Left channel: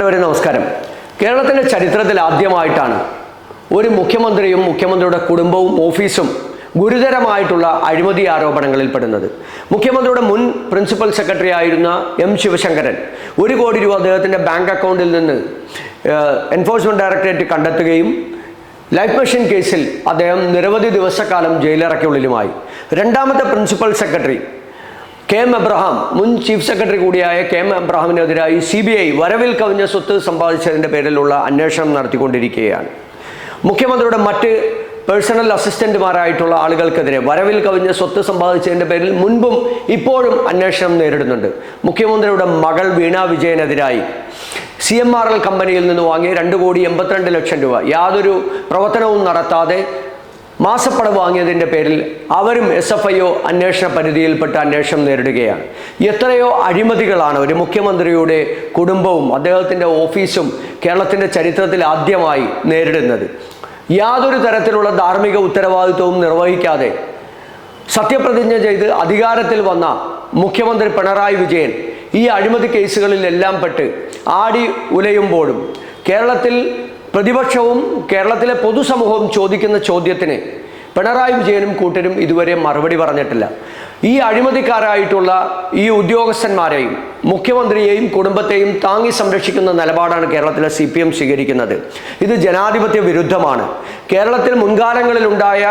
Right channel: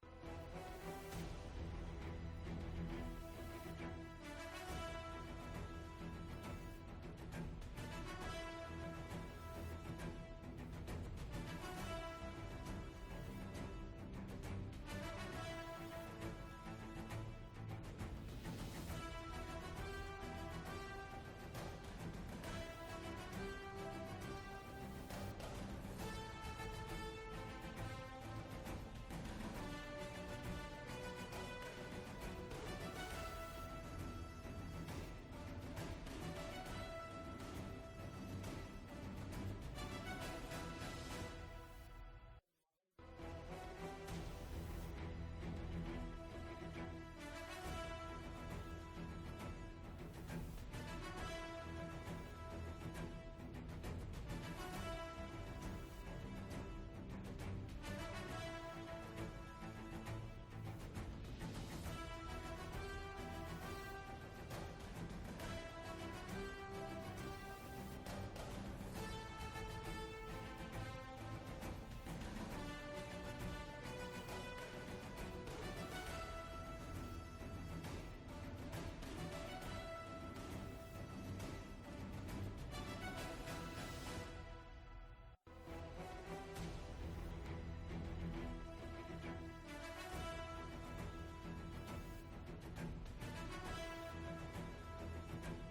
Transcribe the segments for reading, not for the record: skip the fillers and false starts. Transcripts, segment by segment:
നമസ്കാരം. കേരളത്തിന്റെ ചരിത്രത്തിൽ ആദ്യമായിട്ടാണ് ഒരു മുഖ്യമന്ത്രിയും മുഖ്യമന്ത്രിയുടെ കുടുംബവും ഓഫീസും ഗുരുതരമായിട്ടുള്ള അഴിമതി ആരോപണങ്ങളിൽ പെടുന്നത്. മുഖ്യമന്ത്രിയുടെ മുൻ പ്രിൻസിപ്പൽ സെക്രട്ടറി ആയിരുന്ന എം ശിവശങ്കരൻ 1 കോടി രൂപ അദ്ദേഹത്തിൻ്റെ ബാങ്ക് അക്കൗണ്ടിൽ നിന്ന് എൻഫോഴ്സ്മെന്റ് ഡയറക്ടറേറ്റ് കണ്ടെത്തുകയും ലൈഫ് മെഷീൻ കേസിൽ അദ്ദേഹം നിരവധി ദിവസക്കാലം ജയിലറയ്ക്കുള്ളിലുമായി. രണ്ടാമത്തെ principal secretary K M Abraham, മുൻ ചീഫ് സെക്രട്ടറി കൂടിയായ കെ എം എബ്രഹാമിനെതിരായി CBI വരവിൽ കവിഞ്ഞ സ്വത്ത് സമ്പാദിച്ചതിൻ്റെ പേരിലുള്ള അന്വേഷണം നടത്തിക്കൊണ്ടിരിക്കുകയാണ്. മുഖ്യമന്ത്രിയുടെ മറ്റ് പേഴ്സണൽ അസിസ്റ്റന്റുമാരായിട്ടുള്ള ആളുകൾക്കെതിരെ വരവിൽ കവിഞ്ഞ സ്വത്ത് സമ്പാദിച്ചതിൻ്റെ പേരിൽ മുൻപും ഇപ്പോഴും അന്വേഷണം നേരിടുന്നുണ്ട്. മുഖ്യമന്ത്രിയുടെ മകൾ വീണ വിജയനെതിരായി CMRL കമ്പനിയിൽ നിന്ന് വാങ്ങിയ 2,82,00,000 രൂപ യാതൊരു പ്രവർത്തനവും നടത്താതെ മാസപ്പണം വാങ്ങിയതിൻ്റെ പേരിൽ അവരും SFIO അന്വേഷണ പരിധിയിൽപ്പെട്ട അന്വേഷണം നേരിടുകയാണ്. എത്രയോ അഴിമതികളാണ് ഒരു മുഖ്യമന്ത്രിയുടെ കുടുംബവും അദ്ദേഹത്തിൻ്റെ ഓഫീസും കേരളത്തിൻ്റെ ചരിത്രത്തിൽ ആദ്യമായി നേരിടുന്നത്. യാതൊരു തരത്തിലുള്ള ധാർമ്മിക ഉത്തരവാദിത്വവും നിർവഹിക്കാതെ സത്യപ്രതിജ്ഞ ചെയ്ത് അധികാരത്തിൽ വന്ന മുഖ്യമന്ത്രി പിണറായി വിജയൻ ഈ അഴിമതി കേസുകളിലെല്ലാം പെട്ട് ആടി ഉലയുമ്പോഴും കേരളത്തിൽ പ്രതിപക്ഷവും കേരളത്തിലെ പൊതുസമൂഹവും ചോദിക്കുന്ന ചോദ്യത്തിന് പിണറായി വിജയനും കൂട്ടരും ഇതുവരെ മറുപടി പറഞ്ഞിട്ടില്ല. ഈ അഴിമതിക്കാരായിട്ടുള്ള ഈ ഉദ്യോഗസ്ഥന്മാരെയും മുഖ്യമന്ത്രിയെയും കുടുംബത്തെയും താങ്ങി സംരക്ഷിക്കുന്ന നിലപാടാണ് കേരളത്തിലെ CPM സ്വീകരിക്കുന്നത്. ഇത് ജനാധിപത്യ വിരുദ്ധമാണ്. കേരളത്തിൽ മുൻകാലങ്ങളിലുണ്ടായ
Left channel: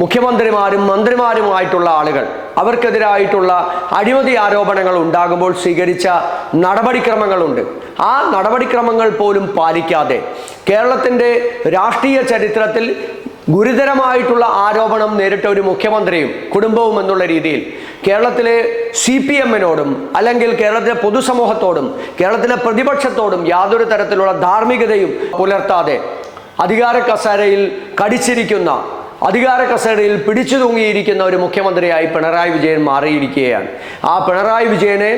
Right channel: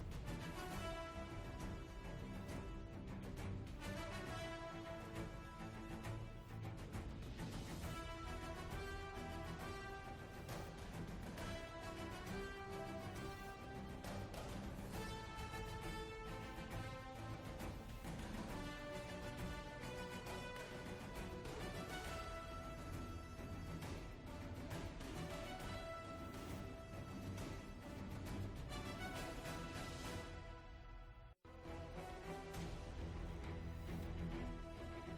മുഖ്യമന്ത്രിമാരും മന്ത്രിമാരുമായിട്ടുള്ള ആളുകൾ അവർക്കെതിരായിട്ടുള്ള അഴിമതി ആരോപണങ്ങൾ ഉണ്ടാകുമ്പോൾ സ്വീകരിച്ച നടപടിക്രമങ്ങളുണ്ട്. ആ നടപടിക്രമങ്ങൾ പോലും പാലിക്കാതെ കേരളത്തിൻ്റെ രാഷ്ട്രീയ ചരിത്രത്തിൽ ഗുരുതരമായിട്ടുള്ള ആരോപണം നേരിട്ട ഒരു മുഖ്യമന്ത്രിയും കുടുംബവും എന്നുള്ള രീതിയിൽ കേരളത്തിലെ CPMനോടും അല്ലെങ്കിൽ കേരളത്തിലെ പൊതുസമൂഹത്തോടും കേരളത്തിലെ പ്രതിപക്ഷത്തോടും യാതൊരു തരത്തിലുള്ള ധാർമ്മികതയും പുലർത്താതെ അധികാര കസേരയിൽ കടിച്ചിരിക്കുന്ന, അധികാര കസേരയിൽ പിടിച്ചു തൂങ്ങിയിരിക്കുന്ന ഒരു മുഖ്യമന്ത്രിയായി പിണറായി വിജയൻ മാറിയിരിക്കുകയാണ്. ആ പിണറായി വിജയനെ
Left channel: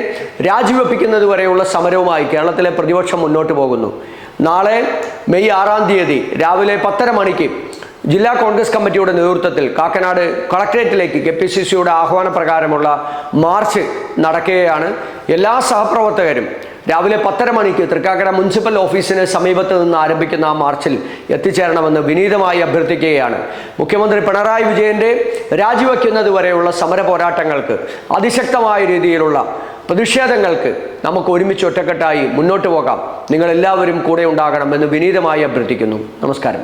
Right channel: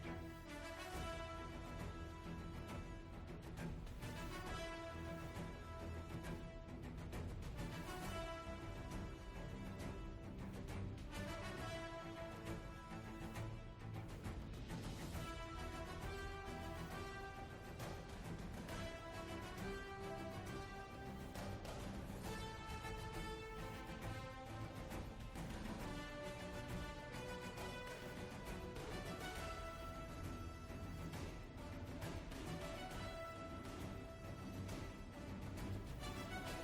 രാജിവെപ്പിക്കുന്നത് വരെയുള്ള സമരവുമായി കേരളത്തിലെ പ്രതിപക്ഷം മുന്നോട്ട് പോകുന്നു. നാളെ മെയ് 6-ാം തീയതി രാവിലെ 10:30 മണിക്ക് ജില്ലാ കോൺഗ്രസ് കമ്മിറ്റിയുടെ നേതൃത്വത്തിൽ കാക്കനാട് കളക്ട്രേറ്റിലേക്ക് KPCCയുടെ ആഹ്വാനപ്രകാരമുള്ള മാർച്ച് നടക്കുകയാണ്. എല്ലാ സഹപ്രവർത്തകരും രാവിലെ 10:30 മണിക്ക് തൃക്കാക്കര മുനിസിപ്പൽ ഓഫീസിന് സമീപത്ത് നിന്ന് ആരംഭിക്കുന്ന ആ മാർച്ചിൽ എത്തിച്ചേരണമെന്ന് വിനീതമായി അഭ്യർത്ഥിക്കുകയാണ്. മുഖ്യമന്ത്രി പിണറായി വിജയൻ്റെ രാജിവെക്കുന്നത് വരെയുള്ള സമര പോരാട്ടങ്ങൾക്ക്, അതിശക്തമായ രീതിയിലുള്ള പ്രതിഷേധങ്ങൾക്ക് നമുക്ക് ഒരുമിച്ച് ഒറ്റക്കെട്ടായി മുന്നോട്ട് പോകാം. നിങ്ങളെല്ലാവരും കൂടെ ഉണ്ടാകണമെന്ന് വിനീതമായി അഭ്യർത്ഥിക്കുന്നു. നമസ്കാരം.